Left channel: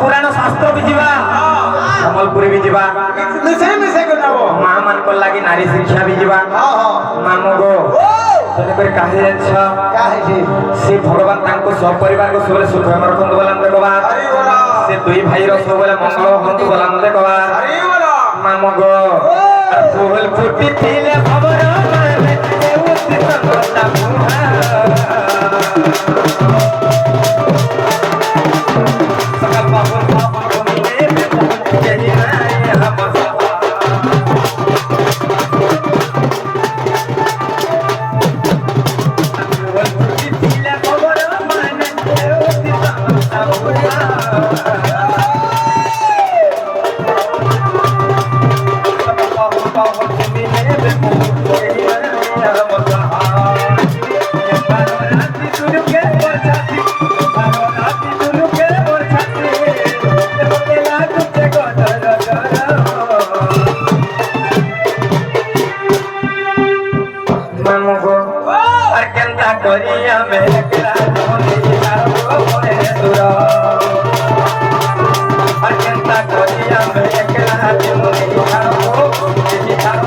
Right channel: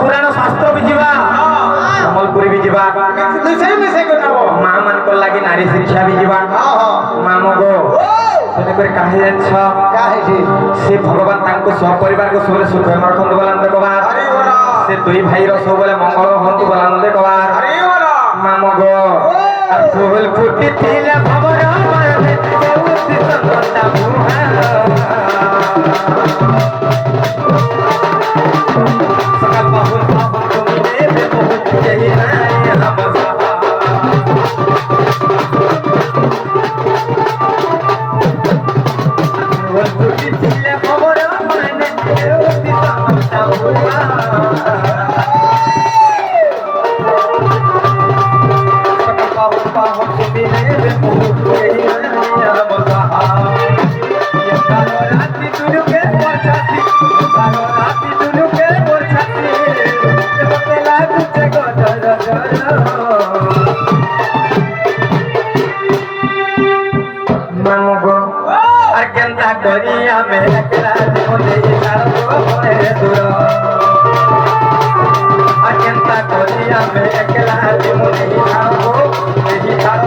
पुराण शास्त्र भी जीवा सम्बलपुरी भी जीवा मिसे को नबो मां मन को लागी नारी शिक्षा भी जीवा मामो गो तने कर काहे छ काहे जी से भगवान तांको सब परिवार को सबले सुख रखंतु बोलन देखबा अरे बोला से दुई भाई रो सबले मंगल हंतु बोलन देखबा अरे बोला मामो गो फूल फुटी थिले भवर माने देउति संगता मुहार सकल बाबू बाबू तुमने में पहुंच गई ना हम फूल फुटी थिले भवर माने देउति संगता मुहार करिया मेरे क्लास होने कारो होए दूर अकेंता करिया मेरे क्लास होने कारो होए दूर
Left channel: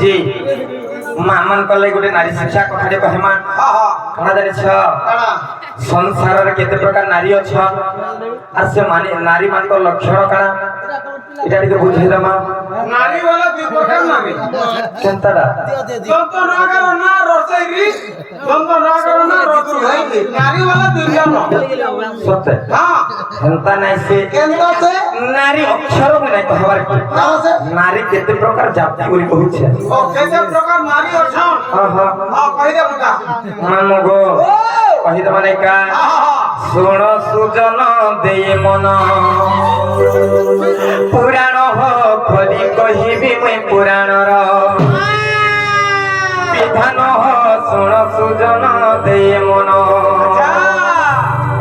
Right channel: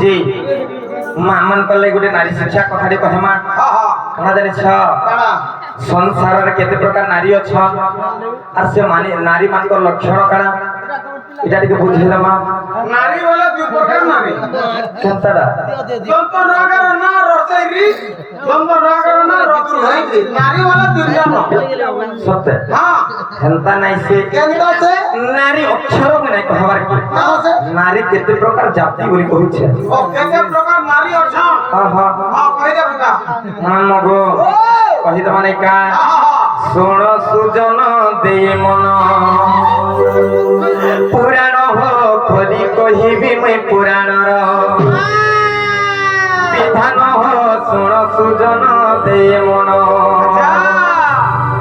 जी मामन कले गुटे नारी शिक्षा कथाटे कहमा कणा जानि छ संसार रे केते प्रकार नारी अछ आर से माने नारी मान को लक्षण कणा इटा टिके बुझेला मा नारी वाला दुई प्रकार नारी केनताडा जंत नागर ना रसैरी जंत नागर ना रतुर भाई नारी वाला दुई जन सत्य हां हेनता नै से केनता से नारी अक्षर में नै कहबार कहां से नारी केते प्रकार जाति बोली कहू छे ओ केते प्रकार नारी अछन हां हां हां कहि दे बता मानो गो कहि त माने का सुन सुजन दे मन पुराण हो खोली कहिबी मैं पुराण रो विधान हो सुन सुजन दे मन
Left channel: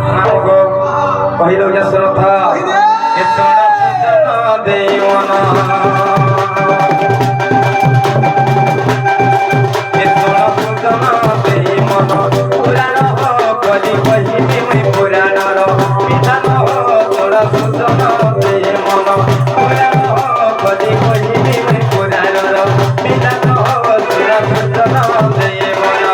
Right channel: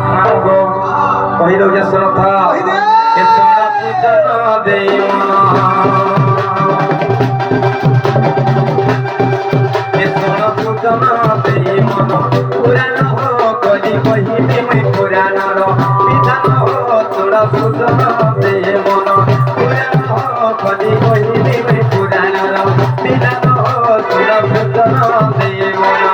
मानो गो कहि दो जे सुन था ए सुन सुजन दे मन ए सुन सुजन दे मन पुराण हो खोली कहिबी मैं पुराण रो विधान हो सुन सुजन दे मन पुराण हो खोली कहिबी मैं पुराण रो विधान हो सुन सुजन दे मन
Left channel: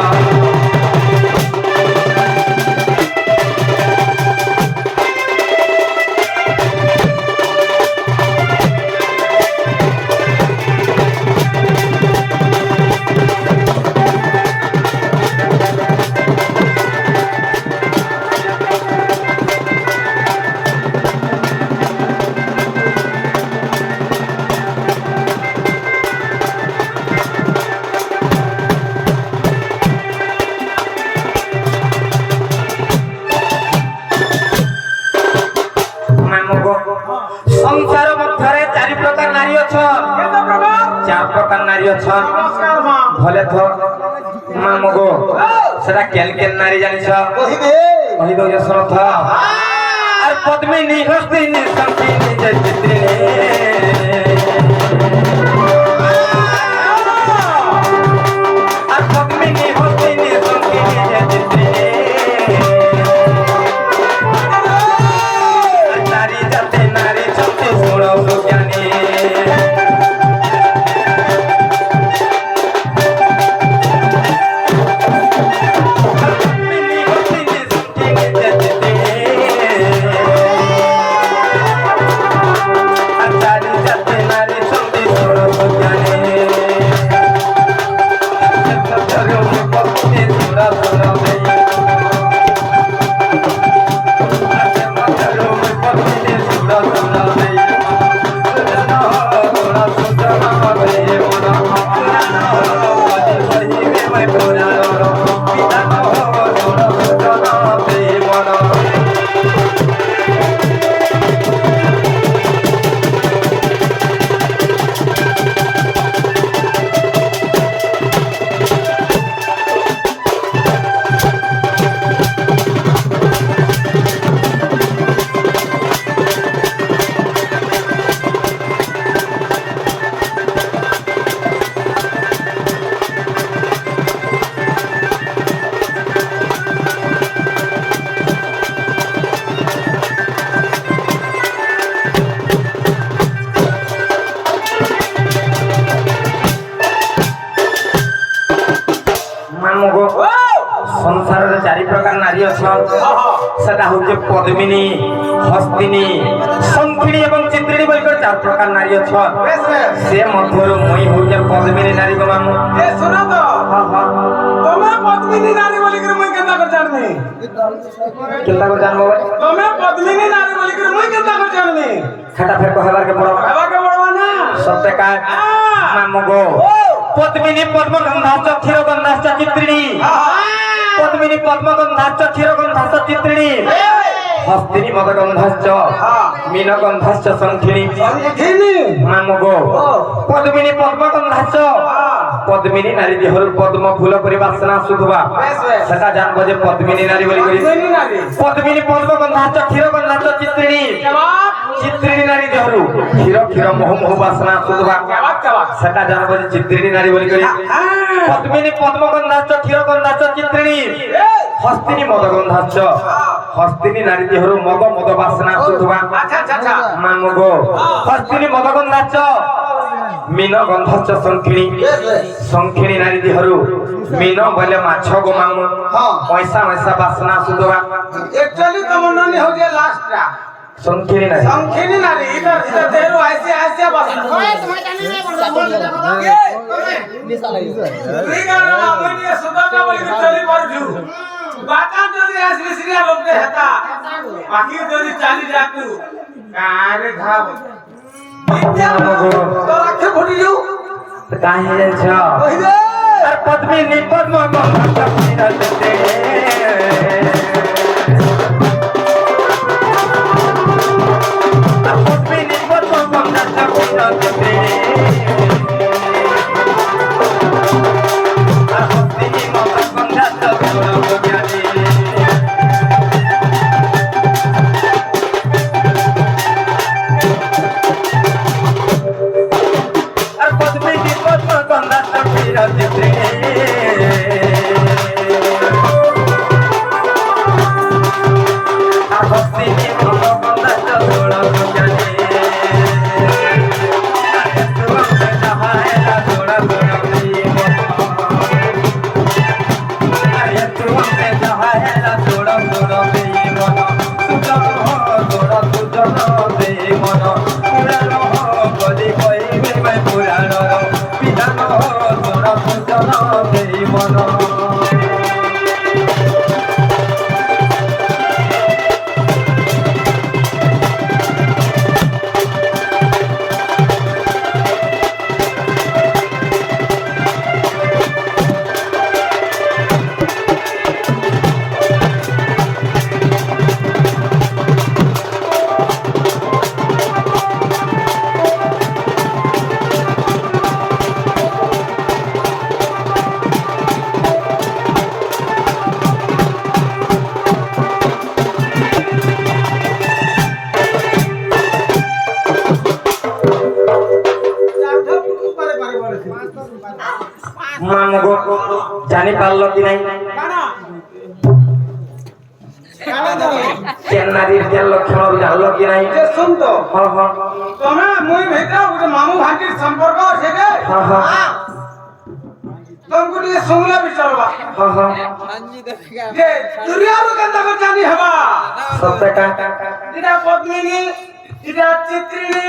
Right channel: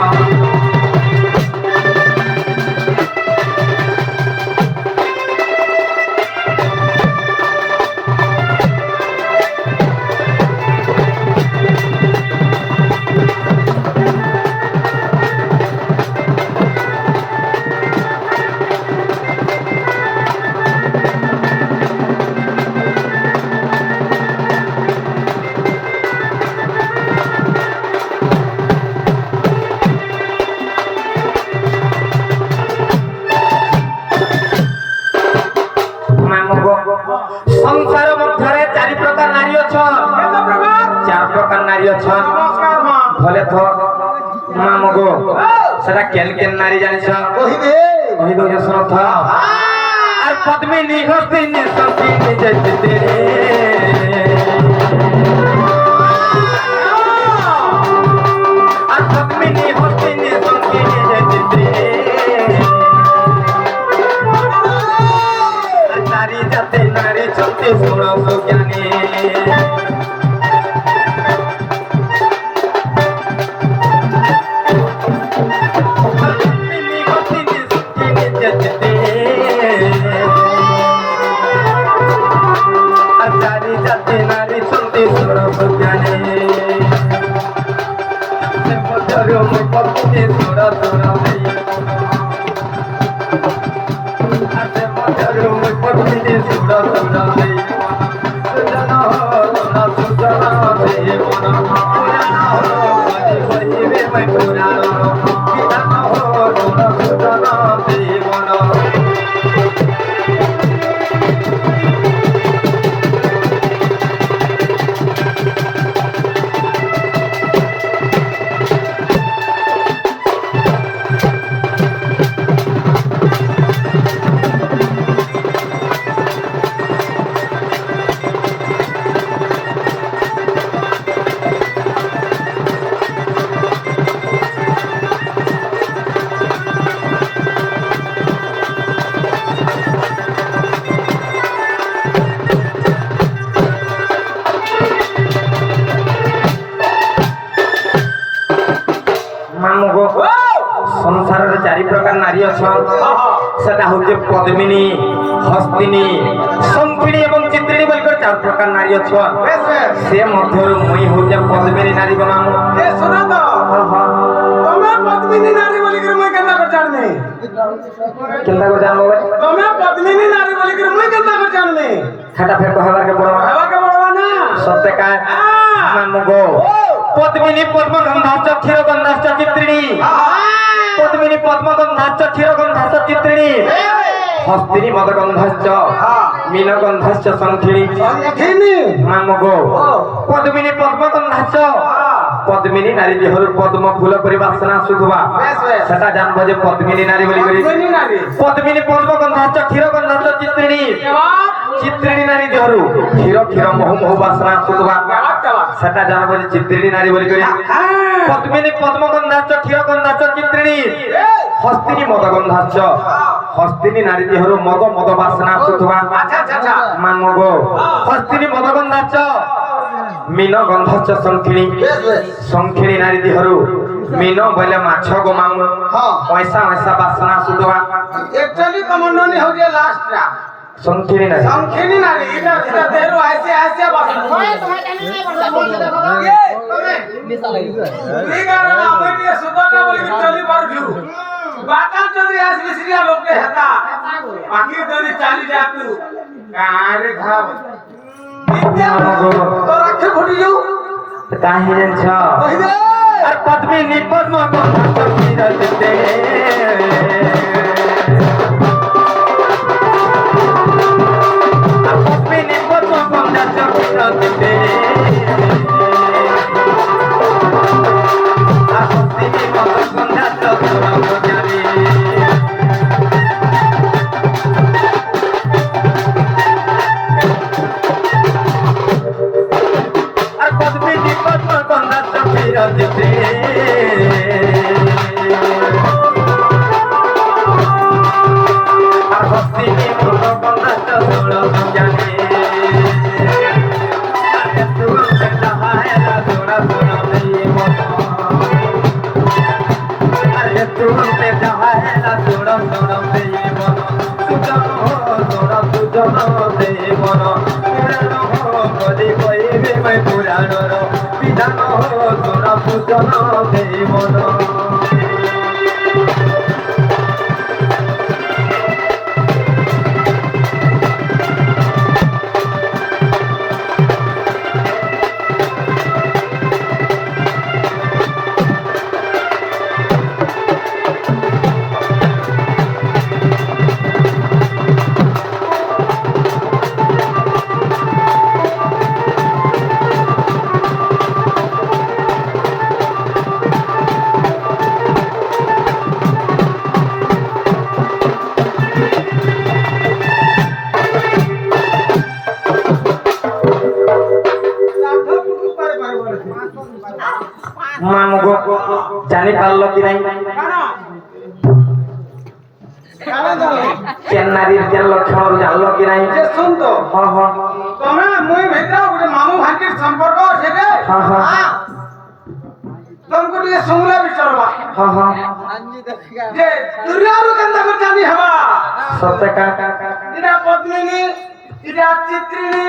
संसार मध्य चारि प्रकार नारी अछन केते प्रकार चार प्रकार नारी अछन नमस्कार मां भले तो मामगो सेटा केन केन नारी जानि छ कहि दो जे सुन था आर पद्मिनी हस्तिनी संकीनी जय चित्रिनी आर पद्मिनी हस्तिनी संकीनी जय चित्रिनी नारी जाते नारी छते सुनो सुज्ञानी जाते নারী অছন সেটা হচ্ছে পদ্মিনী হস্তিনী শঙ্খিনী এবং চিত্রিণী বলি করে 4 প্রকার নারী অছন বেশ বেশ সে মধ্যরু মুই হচ্ছে পদ্মিনী নারী গো মামু এ শোনো তো তুমি পদ্মিনী নারী বলি করে মুই কেনতা করে জানমি কেনতা করে জানবো ভাই তুমি পদ্মিনী নারী বলি করে মুই কেনতা করে জানমি খাটা ফের কহেবার কে বড় হবাকে বড়বা না সত্যি কায় মামু গো পদ্মিনী পদ্মগন্ধাশ্চ ক্ষীরগন্ধাশ্চ চিত্রিণী পদ্মিনী পদ্মগন্ধাশ্চ ক্ষীরগন্ধাশ্চ চিত্রিণী হস্তিনী মদগন্ধাশ্চ মীনগন্ধাশ্চ শঙ্খিনী সংখিনী মামু গো পদ্মিনী পদ্মগন্ধাশ্চ পদ্মিনী নারী দেহর পদ্ম ফুল পরি বাসনা শুধুবা বেশ বেশ সেটা জানবো যে পদ্মিনী নারী বলি করি পদ্মিনী নারী পদ্মিনী পদ্মগন্ধাশ্চ ক্ষীরগন্ধাশ্চ চিত্রিণী কেবাক চিত্রিণী নারী দেহরু ক্ষীর ক্ষীর মহু মহু বাসনা শুধুবা কেবাক কেবাক সেটা জানবো যে চিত্রিণী নারী বলি করি হ্যাঁ পদ্মিনী পদ্মগন্ধাশ্চ ক্ষীরগন্ধাশ্চ চিত্রিণী হস্তিনী মদগন্ধাশ্চ হস্তিনী নারী দেহরু মদ মদ বাসনা শুধুবা আচ্ছা আচ্ছা আচ্ছা মানব গো হস্তিনী মদগন্ধাশ্চ মীন গন্ধাশ্চ শঙ্খিনী শঙ্খিনী নারী দেহরু মীন বলে মাছ গো মামু পয়সা পয়সা বাসনা শুধুবা একচুয়ালি কমন্ডলী হচ্ছে লাস্টটা শঙ্খিনী নারী সংখিনী নারী এটা এটা দেহরু আইছে আইছে বাস ঠিক আছে না মই নিয়ে সুন্দরটা বলি কি চলি পারছু বাটা যদি আসবি সিরিয়া লোকতে হেতা বাকি যদি চালি যাতু কারে খাব তোর আখে ঘটি যাও কাহে জানছ ওই রে আর পদ্মিনী পদ্মগন্ধাশ্চ ক্ষীরচিত্তে আর পদ্মিনী পদ্মগন্ধাশ্চ ক্ষীরচিত্তে আর হস্তিনী মদগন্ধাশ্চ ক্ষীরচিত্তে আর পদ্মিনী পদ্মগন্ধাশ্চ ক্ষীরচিত্তে আর হস্তিনী মদগন্ধাশ্চ ষোড়শজ্ঞানে আর একটু অঙ্কে যাহায়েলা ষোড়া ষোড়শী মন আর একটু অঙ্কে যাহায়েলা ষোড়া ষোড়শী মন সুজন দে মন পুরাণ বলি কইবে মই পুরাণর বিধান ষোড়া সুজন দে মন মামু গো জানি পারলো কি নাই কেন নারীর কেন লক্ষণ জানলো কি নাই যে শুন তো হ্যাঁ হ্যাঁ তুমি মুই ভিতরে ଗୋଟେ মামু ভান্তির সম্পর্ক আছে রে হ্যাঁ হ্যাঁ তোমাকে ଟିକେ শুনলা বিচারবা হ্যাঁ হ্যাঁ যে দুনিয়ারু কেনতা করে জানি হবা সত্যকা এটা পদ্মিনী এটা চিত্রিণী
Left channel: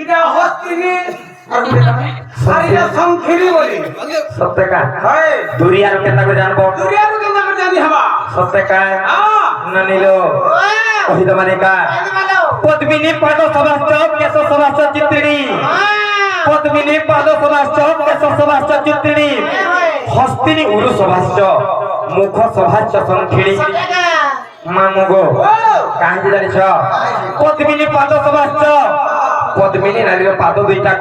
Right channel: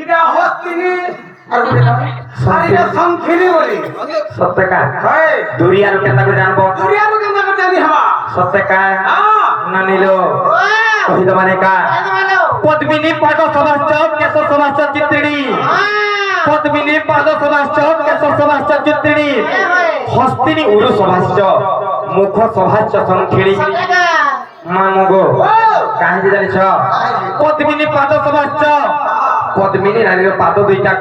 এটা হস্তিনী আর এটা শঙ্খিনী বলি সত্যকা হয় দুরিয়ার কেতা করে জানবো দুনিয়ারু কেনতা করে জানি হবা সত্যকা হ্যাঁ না নিল কহিদ মানে কা পদ্মিনী পাদ সভাশ্চ কেশ সভাশ্চ চিত্রিণী পদ্মিনী পাদ সভাশ্চ কেশ সভাশ্চ চিত্রিণী হস্তিনী উরু সভাশ্চ মুখ সভাশ্চ শঙ্খিনী মামু গো কাহিনী জানিছ পদ্মিনী পাদ সভাশ্চ পদ্মিনী নারীর পাদ দুইটা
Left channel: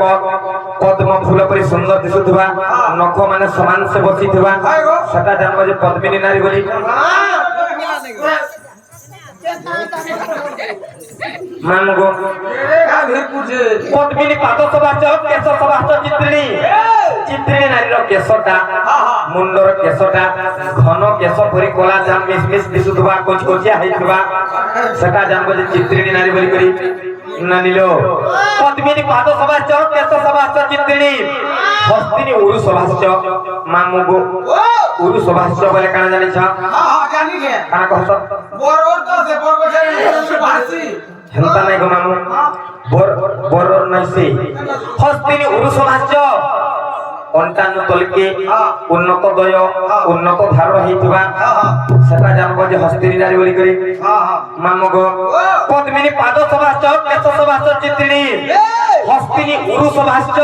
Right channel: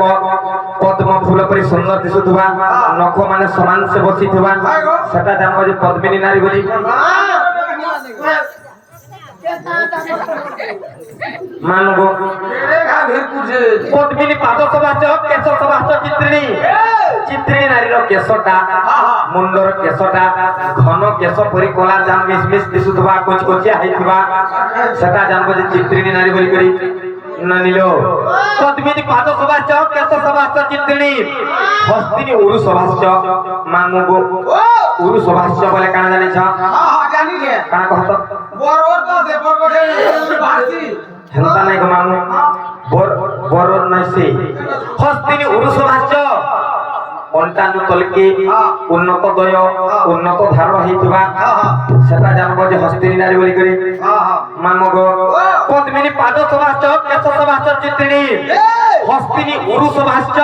পদ্ম ফুল পরি সুন্দর দিশুথিবা নখ মানে সমান সে বসিথিবা সেটা জানবো যে পদ্মিনী নারী বলি মানব পদ্মিনী পাদ সভাশ্চ কেশ সভাশ্চ চিত্রিণী চিত্রিণী নারীর কেশটা মুন্ডর কেশটা ঘন কেশ পরি কলা জান মিস মিস দিশুথিবা কচকচিয়া হইথিবা সেটা জানবো যে চিত্রিণী নারী বলি করি না নিল পদ্মিনী পাদ সভাশ্চ কেশ সভাশ্চ চিত্রিণী হস্তিনী উরু সভাশ্চ মামু গো উরু সভাশ্চ বলে কানা জানিছ জানি কে কানা কহত বড় তো সে বড় কথা বাসি হেনতা নাই গো মামু বড় নাইছে হস্তিনি উরুষ ভাষ্য অন্তানু তলকে উন্নত দয় উন্নত ধারণ হইতিবা সেটা জানবো যে হস্তিনি নারী বলি করে মামু গো পদ্মিনী পাদ সভাষ্য কেশ সভাষ্য চিত্রিণী হস্তিনী উরুষ ভাষ্য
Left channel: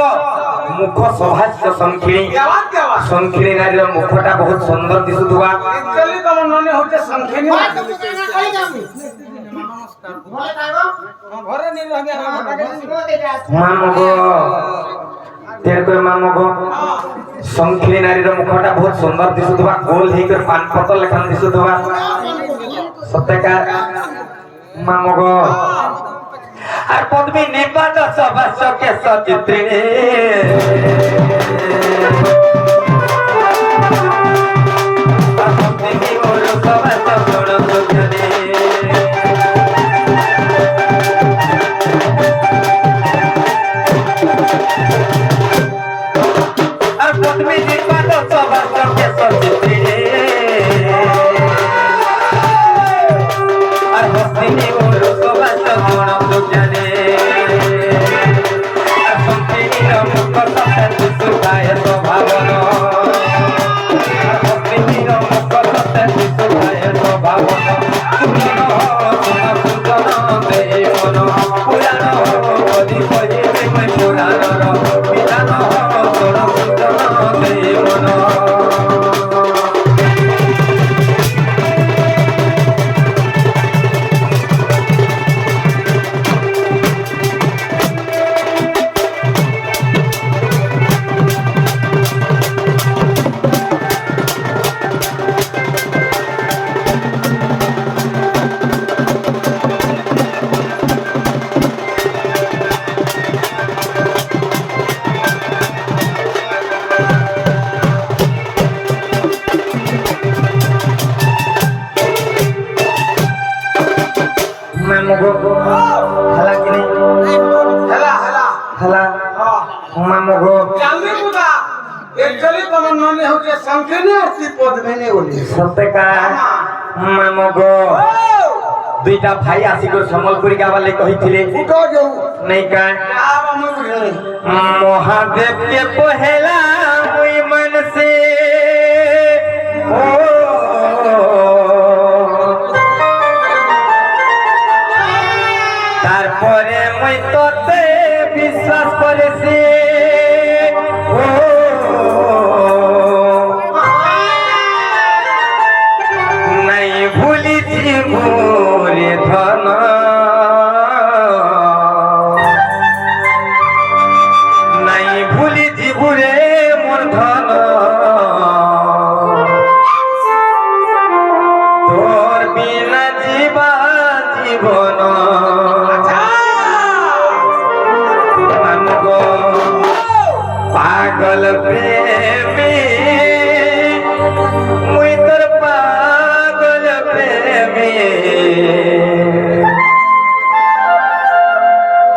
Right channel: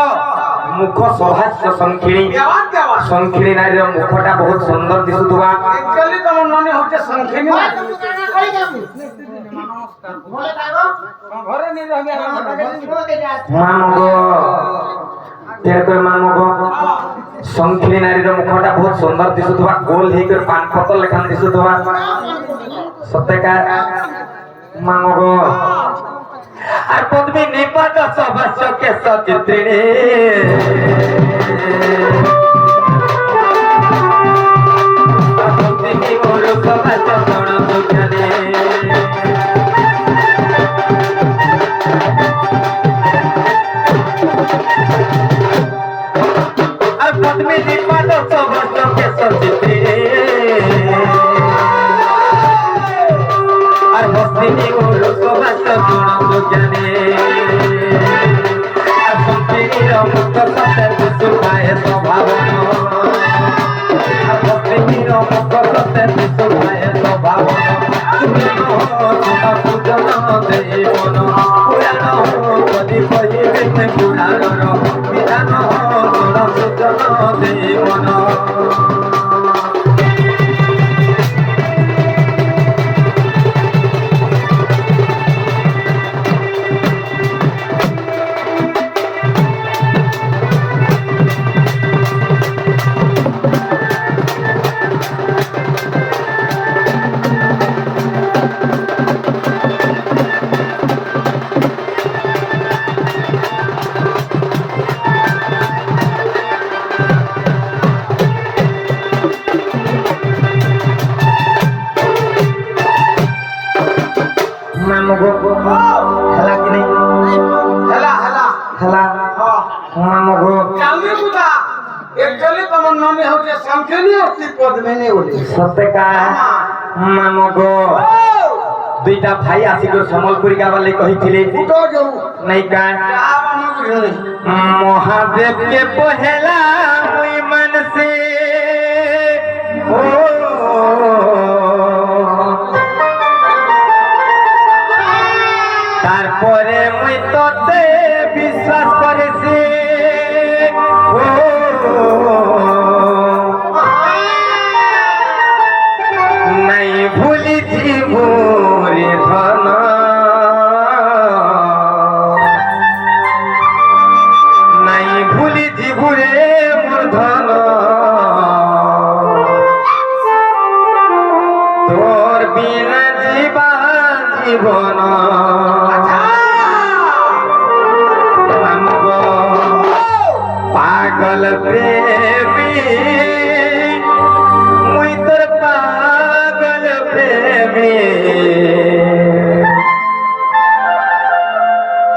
মুখ সভাষ্য সংখিনী দেওয়ান দেওয়ান সংখিনী নারীর মুখটা বহুত সুন্দর দিশুথিবা একচুয়ালি তোমার মনে হচ্ছে সংখ্যানি ঘরে নিয়ে রহি মামু গো তেরকর মামু গো সংখিনী নারীর মুখটা বহুত সুন্দর দিশুথিবা গোল ହେଇକରି পান পতল লেখান দিশুথিবা সত্যকা মামু গো আর পদ্মিনী পাদ সভাষ্য কেশ চিত্রিণী আর হস্তিনী উরুষ ভাষ্য গুণ সুখ্যানী আর পদ্মিনী পাদ সভাষ্য কেশ চিত্রিণী আর হস্তিনী উরুষ ভাষ্য গুণ সুখ্যানী আর সংখিনীর মুখ সতে দিশুথায় শোভাবন আর হস্তিনীর মুখ সতে দিশুথায় শোভাবন পূজন দেই মন পুরাণ কদি কহিবে মই পুরাণর বিধান তোর পূজন দেই মন মামু গো খেলা কি নেই হেলা হেলা খেলা হ্যাঁ মামু গো জানবি বুদা একচুয়ালি তোমার মনে হচ্ছে সংখ্যানি অতি পদ্মিনী বলি সত্যকা মামু গো দুইটা ভাই আসিকর সম্বলপুরি গাবার লাগি কহিଥିଲେ ফুটো যাও নাই কা যা বামা বুঝলে মহাদেব কে পহেলা মুই মনসে ও তারপরে মুই তোতে বিশ্বাস করেছি ও নাই ভুলিছি মোরে ধন নাই ভুলিছি বুড়ে মোর ধন তোর বিনা জীবা জীবন মামু গো পাগল প্রেমী মুই তোর পাগল প্রেমী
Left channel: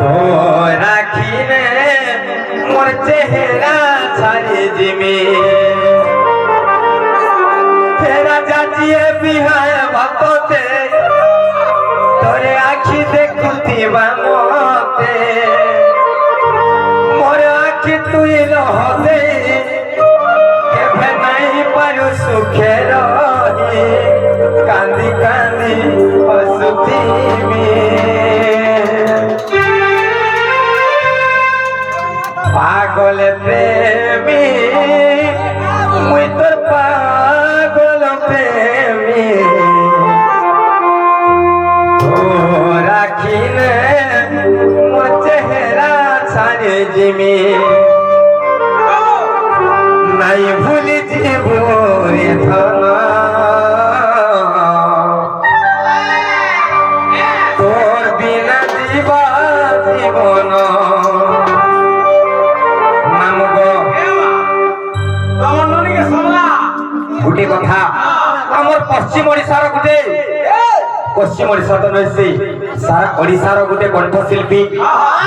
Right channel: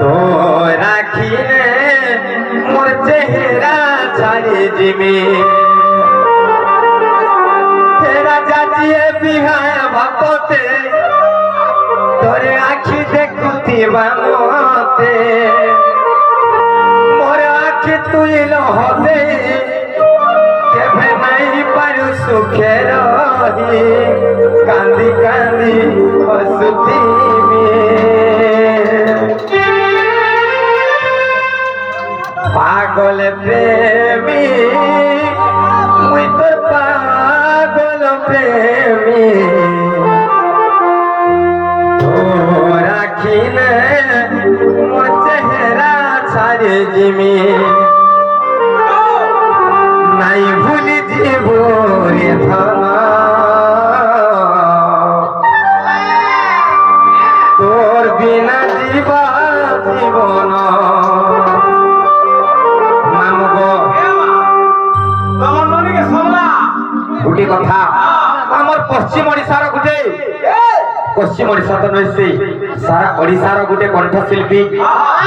তো রাখিনে মোর চেহারা ছাড়ি জিমি তেরা যাচিয়ে বিহায় ভক্তে তোরে আখি দেখুথিবা মতে মোর আখি তুই লহদে কেভে নাই পারু সুখে রহি কান্দি কান্দি হসুথিবি পাগল প্রেমী মুই তোর পাগল প্রেমী ও রাখিলে মোর চেহারা ছাড়ে জিমি নাই ভুলি জীব রে ধন তোর বিনা জীবা জীবন মামু গো তোমার ননিকে সমলা গোটে কথা আমার পশ্চিম ওড়িশার গোটে পশ্চিম ওড়িশা তো নয় সারা ওড়িশার গোটে কণ্ঠশিল্পী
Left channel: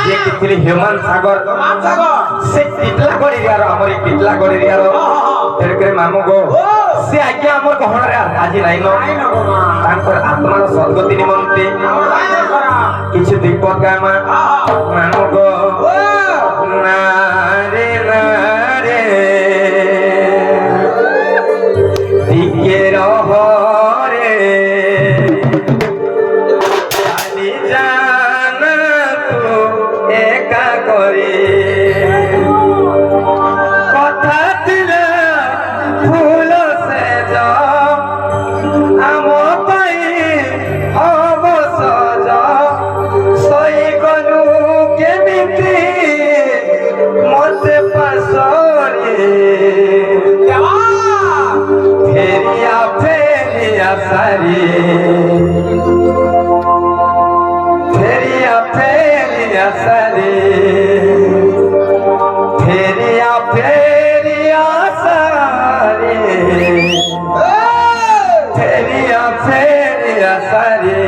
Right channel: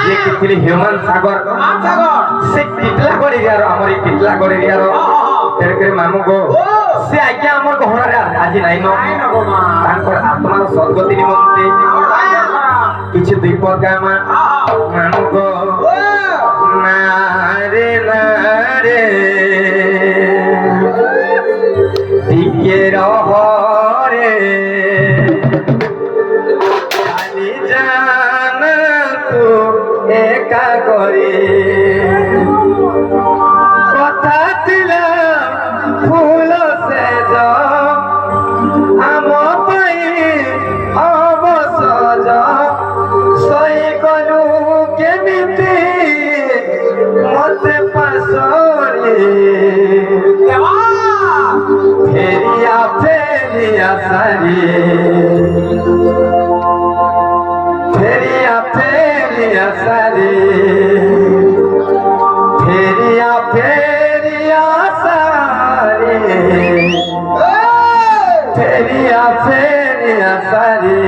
যে কি ଥିଲେ ହ୍ୟୁମାନ ସାଗର মান সাগর ସେ ଟିଟଲାଗଡ଼ ଏରିଆର ଆମର ଏଇ ଟିଟଲାଗଡ଼ ଏରିଆର ତେଣୁକରି ମାମୁ ଗୋ ସେ ଆଜ୍ଞା ଆମର ଗହଣାରେ ଆଜି ନାଇନ ତାଙ୍କର ଆତ୍ମାର ସଦ୍ଗତି ନିମନ୍ତେ କିଛି ଦ୍ୱୀପ ଗାମା ମାମୁ ଗୋ ନାରେ ନାରେ ଟିକେ ରହ ରେ ଚାଲି ଜାନା ତୁ ଏକା করে কথা ଥିଲା ফুল সেজ ଆମ ପାଇଁ ଅବସର ଶୋଇଗଲୁ କେମିତି ମତେ ପାଶରେ ଫେରିଆ ସାରି ଫେରିଆ ସାରି फेरिया सारे फेरिया सारे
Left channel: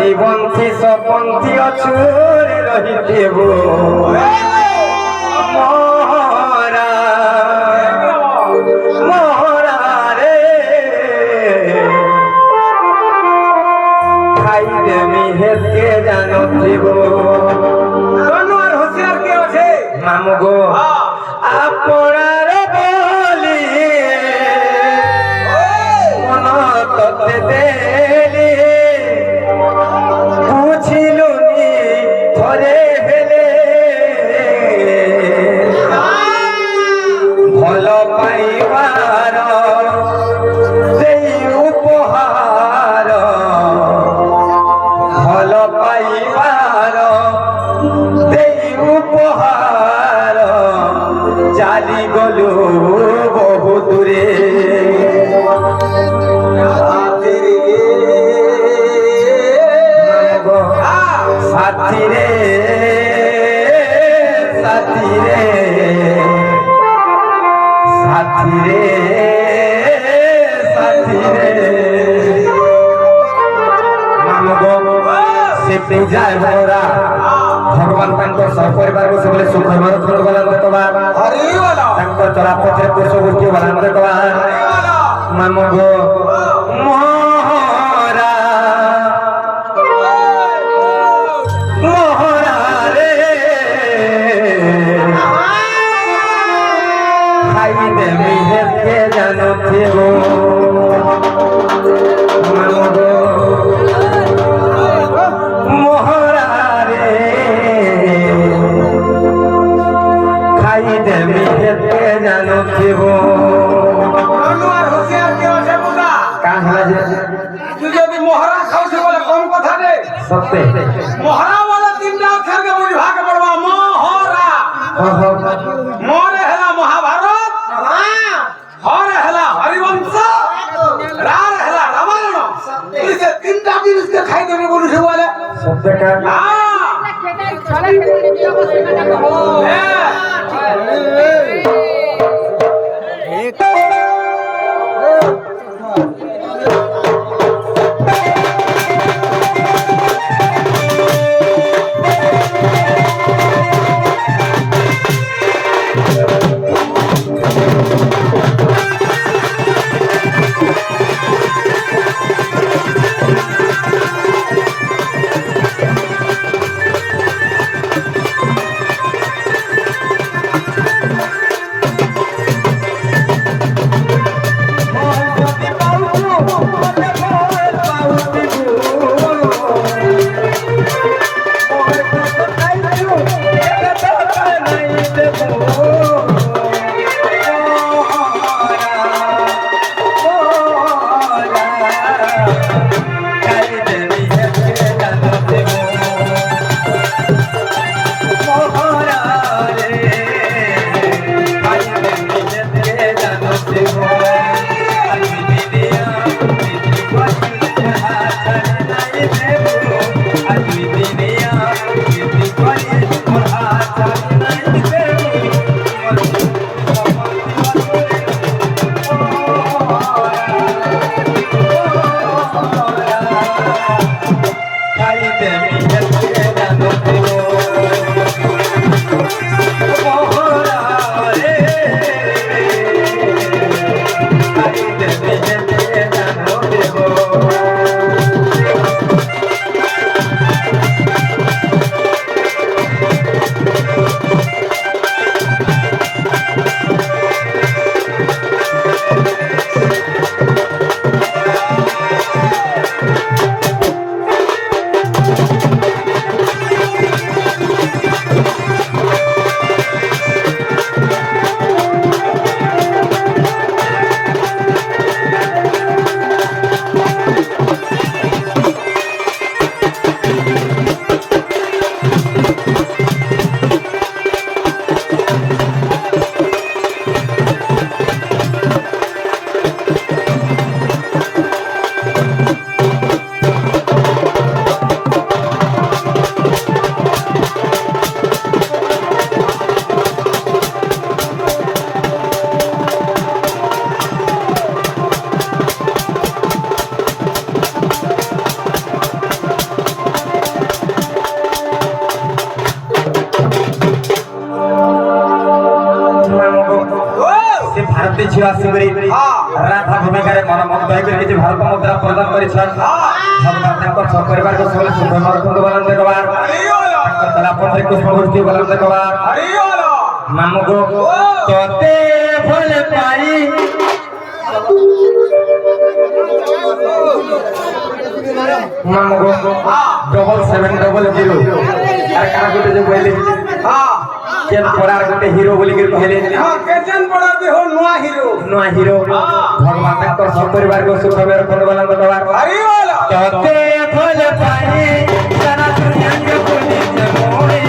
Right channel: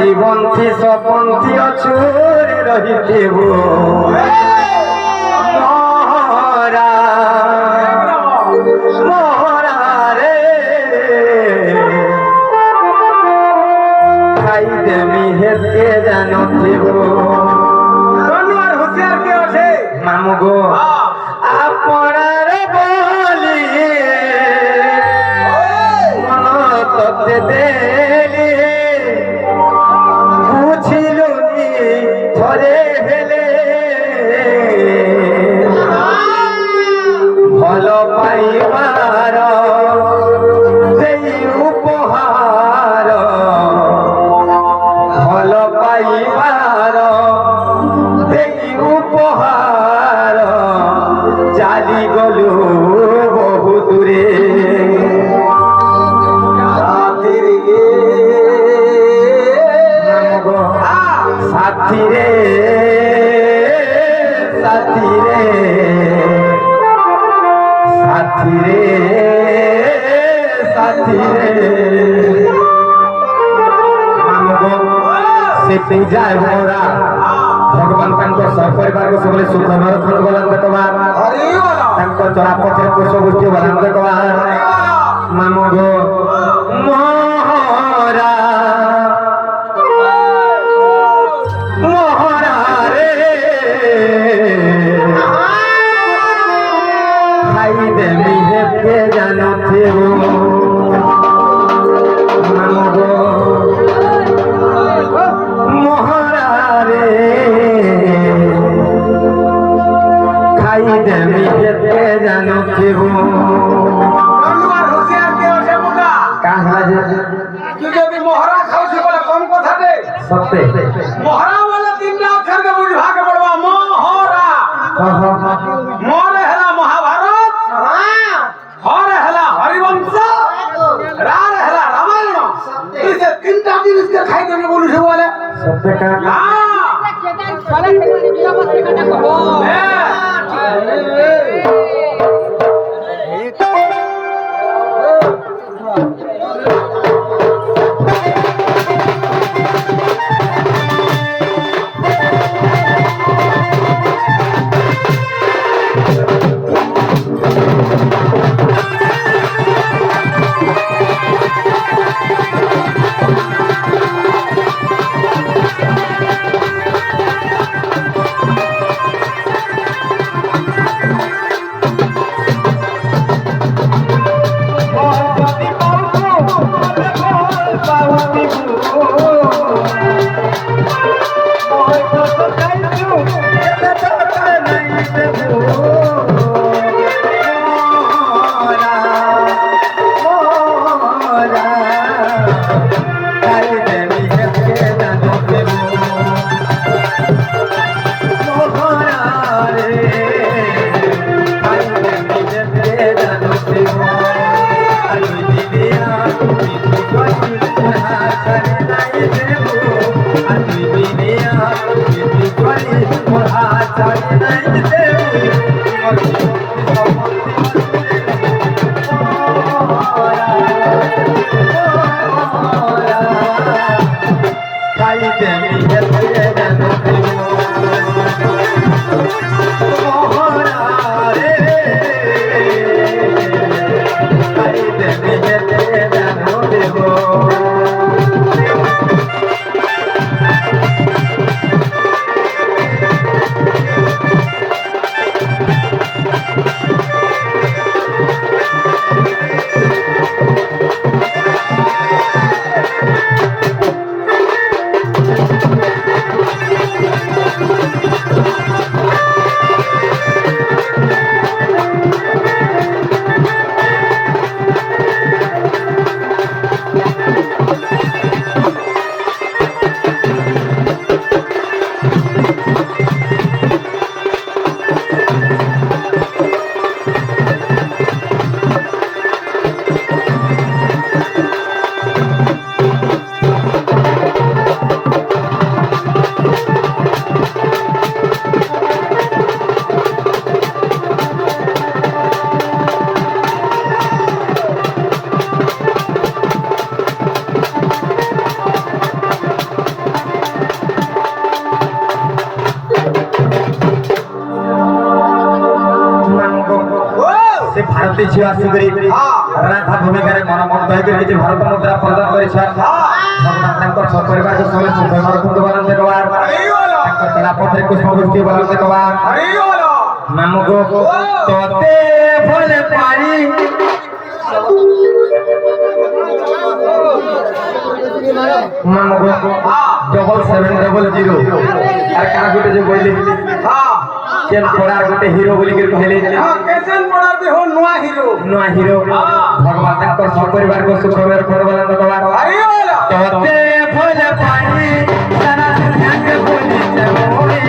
জীবন্থি সপন্থি অছুরে রহিতেবু মহরা মহরা রে খাই দেমি হেতকে জানতিব কোন আর হুঁশিয়ার কে আছে মামু গো আপনার বলি মন ততে দেলি বুঝিলুনি থরে হেলে ভাল পাইবার সেই উপহার ভাল পাইবার সেই উপহার চালি গলু বহু দূরে সাথী রে সাথী রে সাথী রে সাথী রে মানব সেটি যায় মোরা ভগবান তাঙ্ক সপরিবার সবলে সুখ মরক্ষণ বলান দেখবা তাঙ্ক চলা পথে পুষ গোষ্ঠী বলান দেখবা মানব মোহরা মোহরা রে খাই দেমি হেতকে জানুথিব মানব মোহরা রে খাই দেমি হেতকে জানুথিব কোন আর হুঁশিয়ার কে আছে বুঝা কাহা যে তুই যদি মহরা খাওছি বলে কম কথা দে সত্যি মহরা वाला তিনটা অক্ষর কে বুঝবা কে পড়বা মহরা মরে হেলা মহাভারত হরে হেলা হরিবংশ রার হেলা রামায়ণ তুই সে তিনটা জিনিস কে খাই দেবে বলিস বলে সত্যি কা ঝিଅ ଆସିକରି ରାଧା ଭୂମିକାରେ ମନମୁଗ୍ଧ ହେଇକରି କିଛି ଭାରତ ମୁଦ୍ରା ପ୍ରଦାନ କରିଛନ୍ ଭଗବାନ ତାଙ୍କର ପରିବାରକୁ ସବୁବେଳେ ସୁଖମୟ ରଖନ୍ତୁ ବୋଲନ୍ ଦେଖବାର ତାଙ୍କର ଚଲା ପଥରେ ପୁଷ୍ପବୃଷ୍ଟି ବୋଲନ୍ ଦେଖବାର ମାମୁକୁ ତୋତେ ଭଲ ପାଇ ମାମୁକୁ 7700 ଆରେ କାଣା ଗୋଟେ ଯେ ବୋଇଲେ କେନ୍ ପଡ଼ାର ଗୋଟେ ହିରୋ ବୋଲିକିରି କହିଲେ ନୂଆ ହିରୋ ଭଗବାନ ତାଙ୍କର ସପରିବାରକୁ ସୁଖମୟ ରଖନ୍ତୁ ବୋଲନ୍ ଦେଖବାର ତୋତେ ଭଲ ପାଇ ସାରା ଦୁନିଆକେ ବୁଲିଛେ ମୋରେ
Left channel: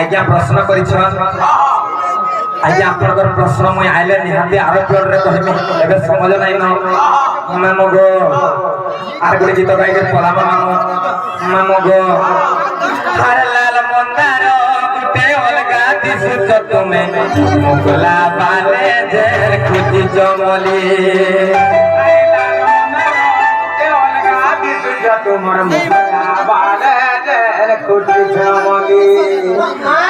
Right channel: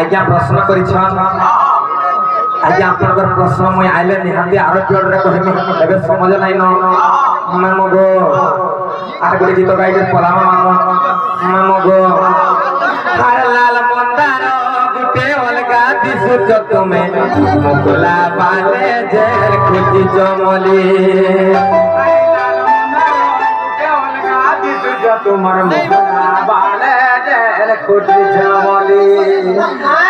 आज्ञा प्रश्न आज्ञा आपनकर प्रश्न मुई आइले निहाती आरो जोर रे कहमी एबे समझ नाही न मामगो आर गोटे गीत गाई के पलामा मामगो हर लाल मंदार गुटे अलगा दिसुच तुमे मुगला बाले जेर खुजी जमली तुम्हार मुगला बाले जेर खुजी जमली